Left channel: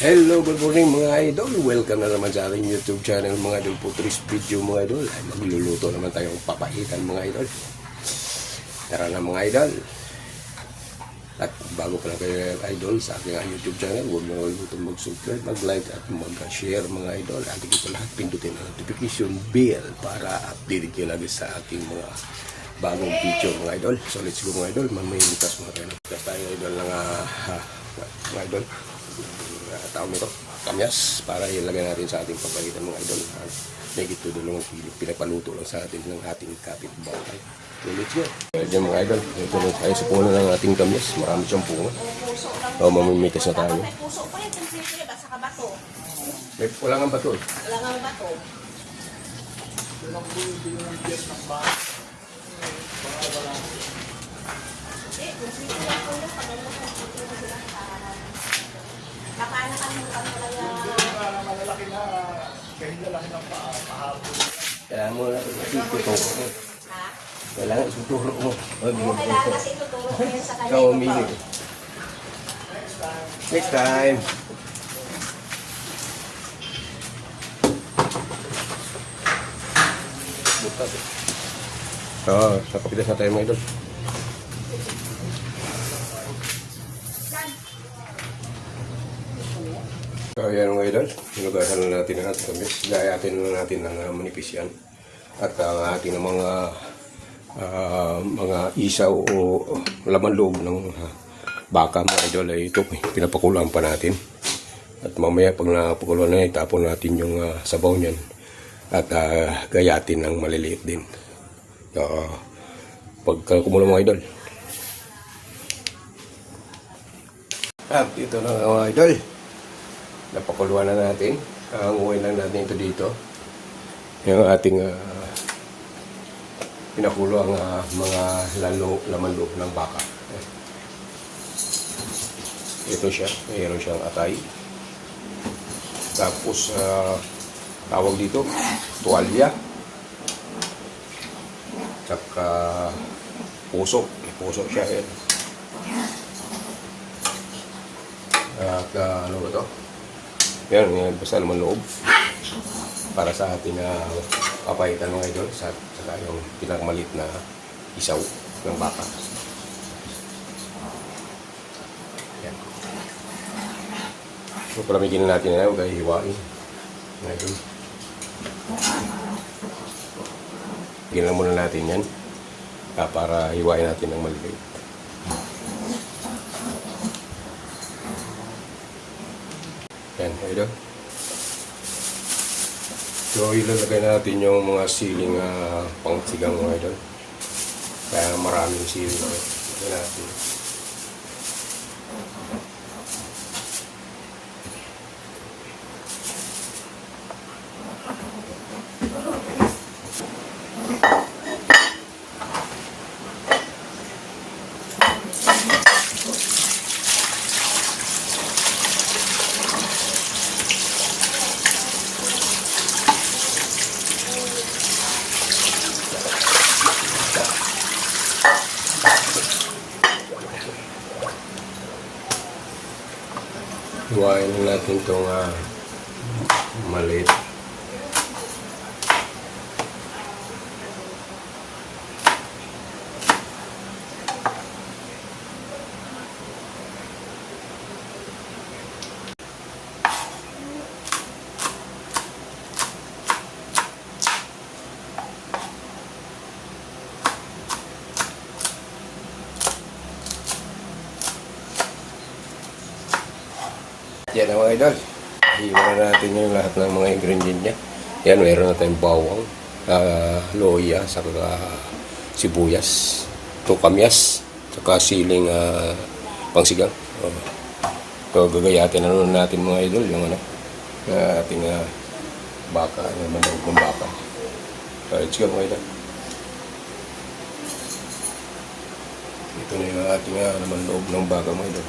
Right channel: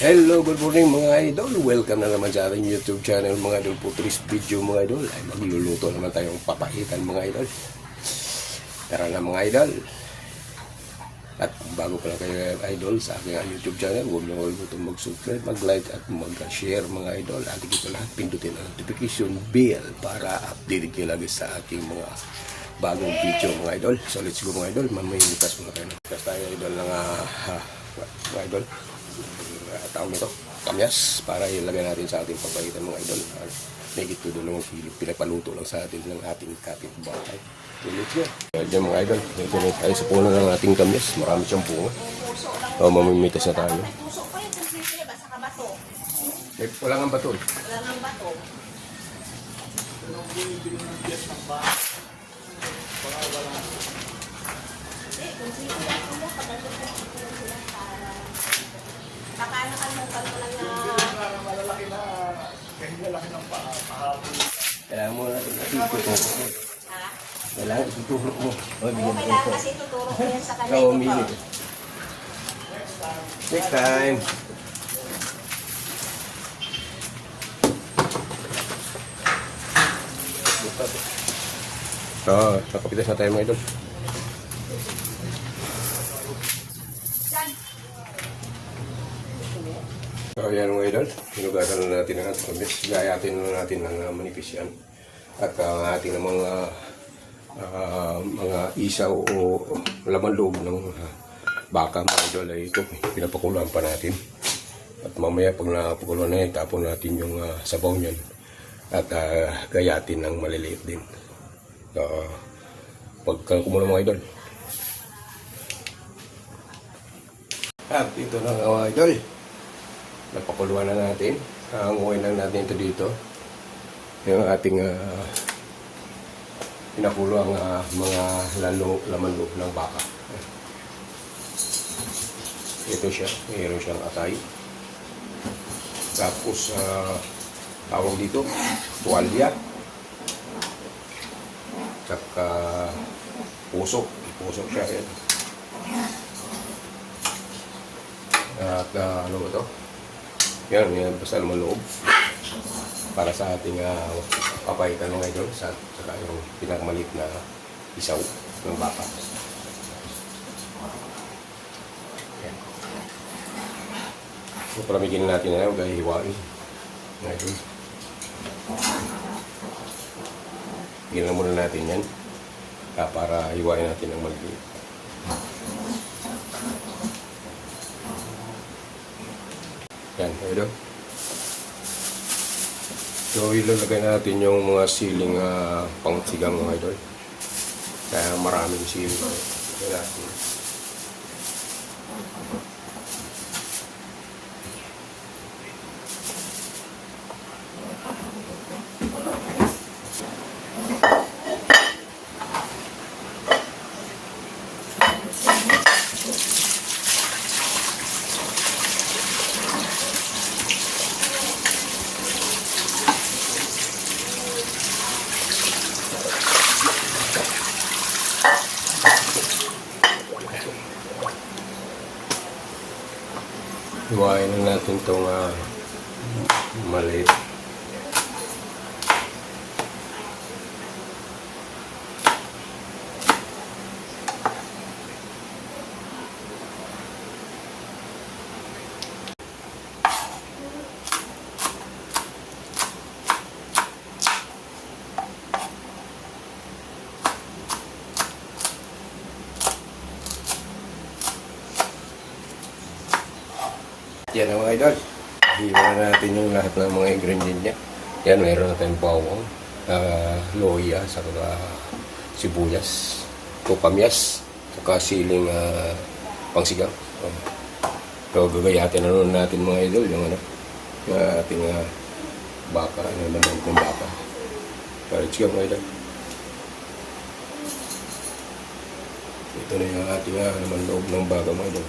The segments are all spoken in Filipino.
Hello, good morning mga idol. Welcome na naman sa ating YouTube channel mga idol. For today's video mga idol ay magluluto naman tayong papaitan mga idol. Tara na mga idol. At bago pa lang kayo idol sa aking YouTube channel, huwag na kalimutan mag-subscribe, mag-like at mag-share mga idol. At ito lahat pindutin ang notification bell para update kayo lagi sa aking mga bagong video mga idol. So let's go mga idol. Mamayitas mga idol. Tapos tayo idol ng mga idol. Tawag nito, kamyas, para ilagay natin sa ating papaitan mga idol. Make it to the long pinapaluto lang sa atin ng ating kapitbahay. Ulit yun. Diyan mga idol, ito na tayo sa puno ng ating kamyas. Marami siyang puno. Mamimitas na tayo. Wala nga bato eh. Wala nga bato. Kailangan mo ituturo mo. Kailangan ituturo mo. Kailangan kasi ituturo ko yun sa kanya. Next time. Nakapitas na tayo mga idol. So ayan mga idol, hinugasan na natin ang ating kamyas. Gayatin na natin ang manipis yan. At ang ating mga isaw o laman loob ng baka mga idol ay ito, pinapakulaan pa natin. At mamaya pag napakuluan na, itapon natin yung sabaw niyan. At gayatin ng maliliit din. Pagka kumulo mga idol. At ito na mga idol. Napakuluan na natin. Hanguin lang natin ito dito. Yung ating pinakulo ang mga laman loob ng baka. Ito siya. Mayroon siyang atay. Tapos tawag dito tuwalya. Tsaka puso. Puso siya. Yan. At ano ba ito? Yan, basta naman loob para sa ating papaitan mga idol, saka yung pinakamalit na isaw ng baka. Yan. So palamigin natin yan, huwag ay hiwain mga idol. Higin lang muna natin yan para hiwain natin ng maliit. Yan, idol. So, ilalagay natin yung mga siling pangsigang mga idol. Kaya maraming siling ulit. Yan natin. Hiwain lang natin itong maliit. Yan mga idol. Hiwa na natin yung lahat ng mga ingredient niya. Yan, meron na tayong bawang, loya, saka sibuyas, kamyas, saka siling pangsigang. So gagayatin na naman natin mga idol yung ating baka, yung mandang kong baka. So let's go mga idol. Ito na yung ating naman loob ng baka mga idol.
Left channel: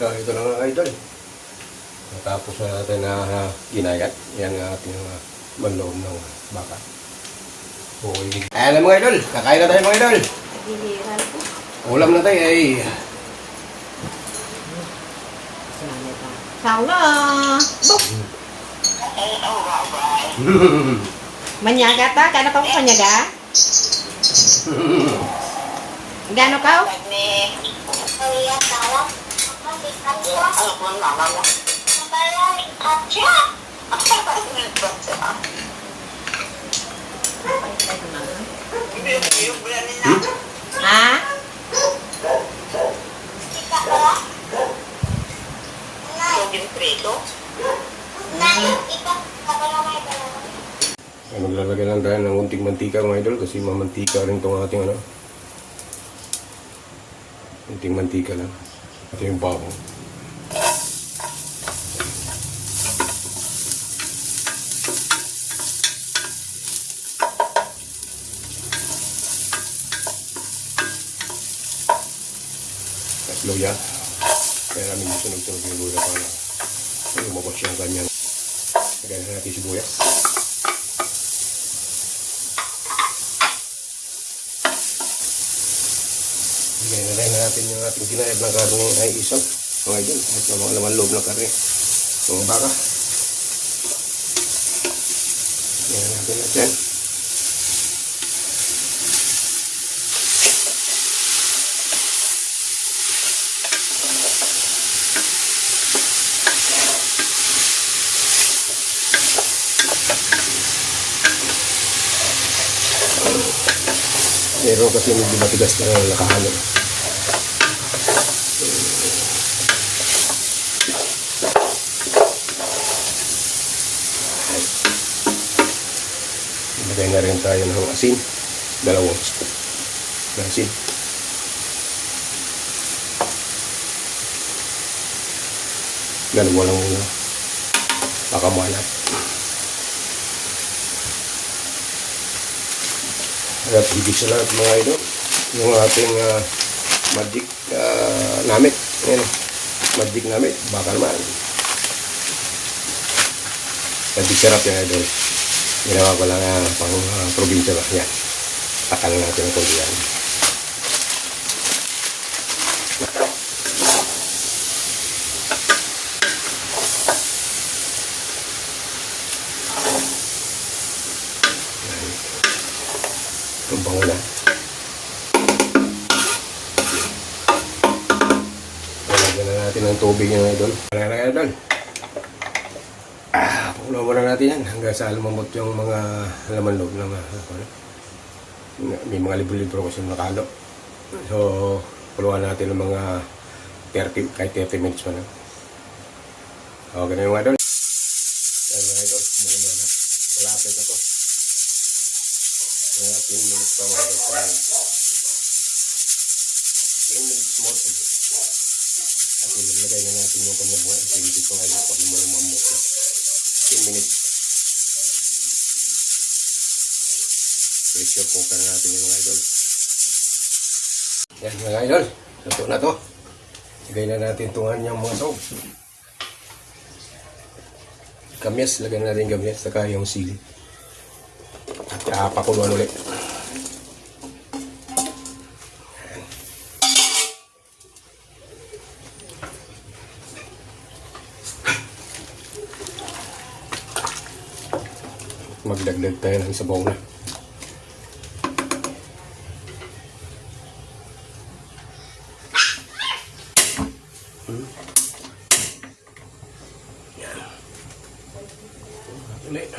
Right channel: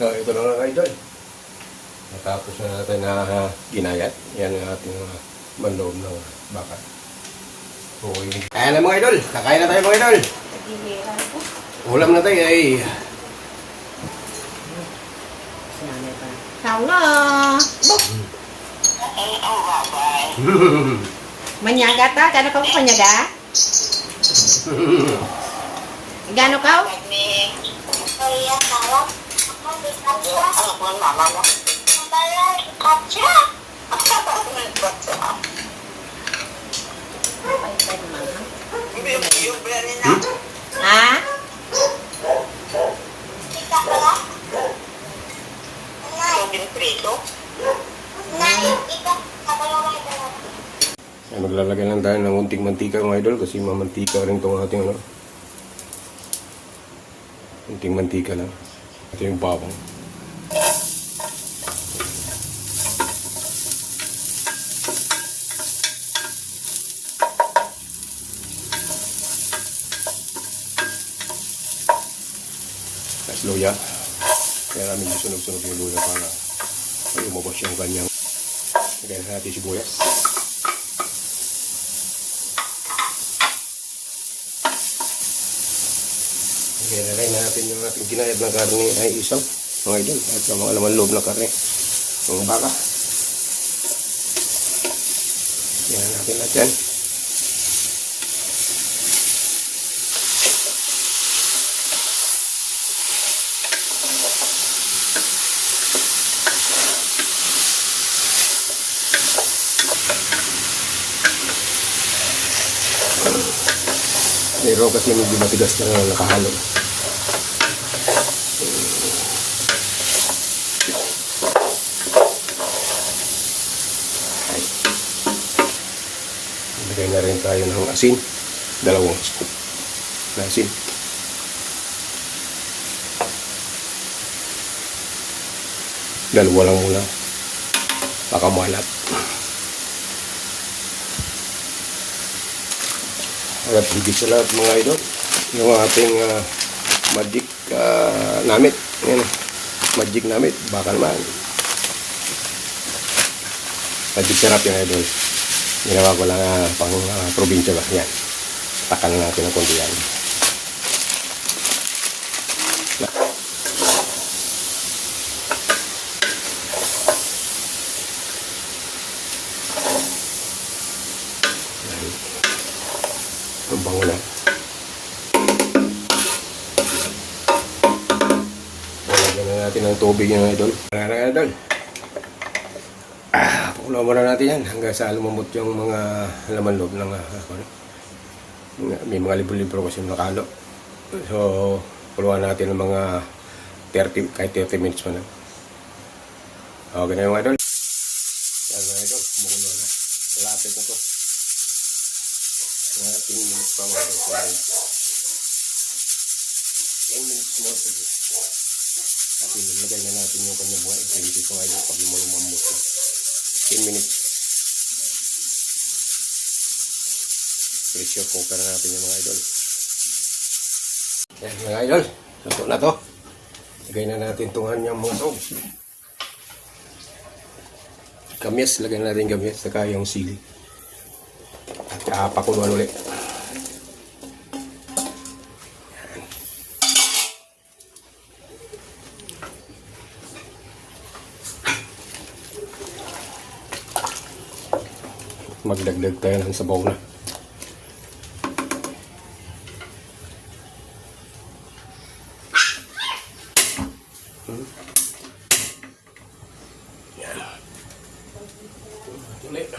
Ito na nga idol. Natapos na natin na ginayat. Yan ang ating manloob ng baka. Okay. Ayan na mga idol. Kakain na tayo mga idol. Ulam na tayo eh. Sao na? Manyaga ta? Gano'n ka mo manyaga? Gano'n ka? Ha? Maglalagay lang tayo ng unting mantika mga idol kasi mamantika rin itong ating ano. Unting mantika na. Ito yung bawang. Tapos luya. Kaya namin sunog-sunog yung luya para lumabas yung ganyan. Lagyan na natin sibuyas. Lagyan na rin natin yung ating ginayad ng karne ay isaw. Mga idol. At sa mga laman loob na karne. Mga baka. Lagyan natin natin. Meron kasi hindi matigas na nakahalo. Ilagay na rin tayo ng asin. 2 scoop na asin. Dalawa lang muna. Baka muhalap. At higit sa lahat mga idol, yung ating magic namit. Ayan, magic namit, baka naman. Magic sarap yung idol. Ginawa ko lang pang probinsya ba. Yan. Takal na natin ang kundi yan. Ang bango na. Lagyan na natin ng tubig yung idol. Lagyan idol. Pakulo muna natin yan hanggang sa lumamot yung mga laman loob ng may mga libro-libro kasi nakalo. So, kuluan natin ng mga 30, kahit 30 minutes pa na. Okay na yung idol. Yan na idol. Muna na. Lapit na to. Mga 10 minutes pa mga idol. 10 minutes more to go. At ilagay na natin yung kanyang mga ingredients mga idol pag lumamot na. 10 minutes. Pressure cooker na natin yung mga idol. Yan mga idol. Ito na to. Lagay na natin itong kanyang mga dog. Kamyas. Lagay na natin kamyas. Saka yung sili. At pakuluan ulit. Magdagdag tayo ng sabaw na. Ulit.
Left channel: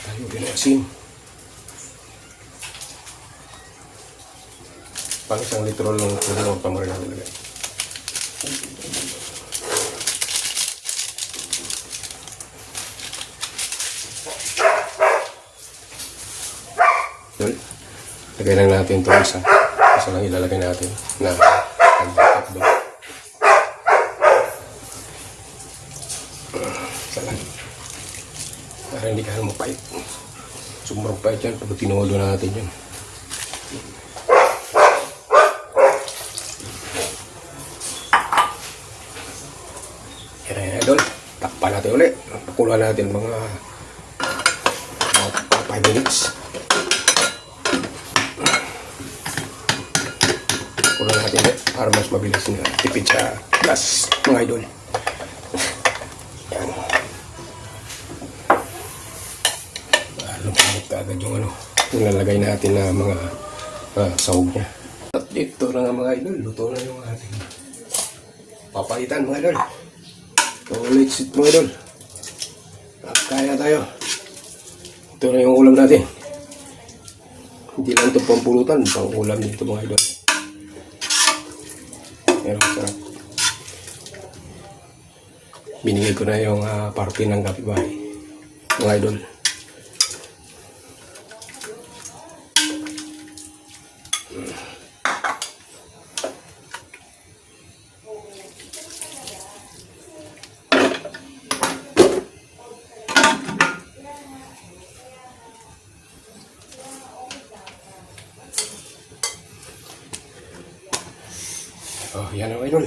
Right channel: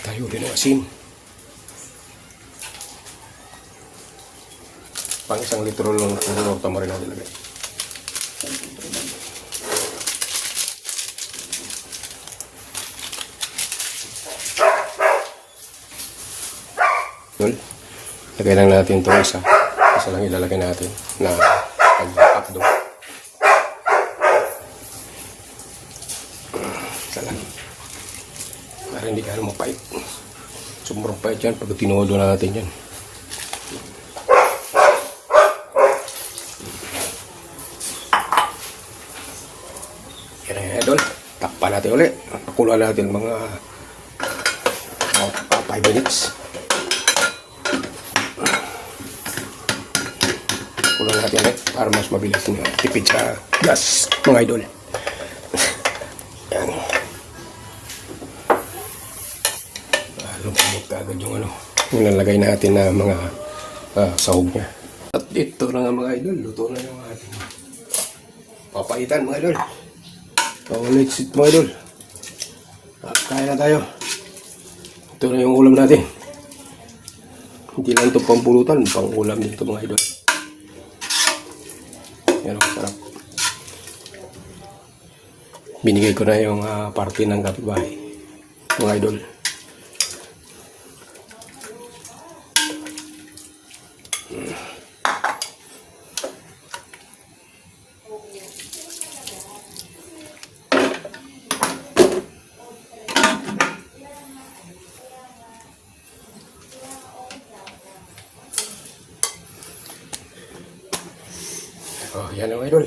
Tayo rin ang asin. Pang 1 litro lang ng tamarin natin lagay. Yun. Lagay lang natin ito isa. Isa lang ilalagay natin na pag-updo. Isa lang. Para hindi ka mapait. Sobrang pait yan pag tinulo natin yan. Yan idol. Takpan natin ulit. Pakuluan natin mga 5 minutes. Kulang natin ulit para mas mabilis na tipid sa gas mga idol. Yan. Lumamit agad yung yung nalagay natin na mga sahog niya. At ito na nga mga idol, luto na yung ating papaitan mga idol. Paulit sit mga idol. Kaya tayo. Ito na yung ulam natin. Hindi lang ito pampulutan, pang ulam nito mga idol. Yan ang sarap. Binigay ko na yung parte ng kapitbahay mga idol. Oh, yan ang idol.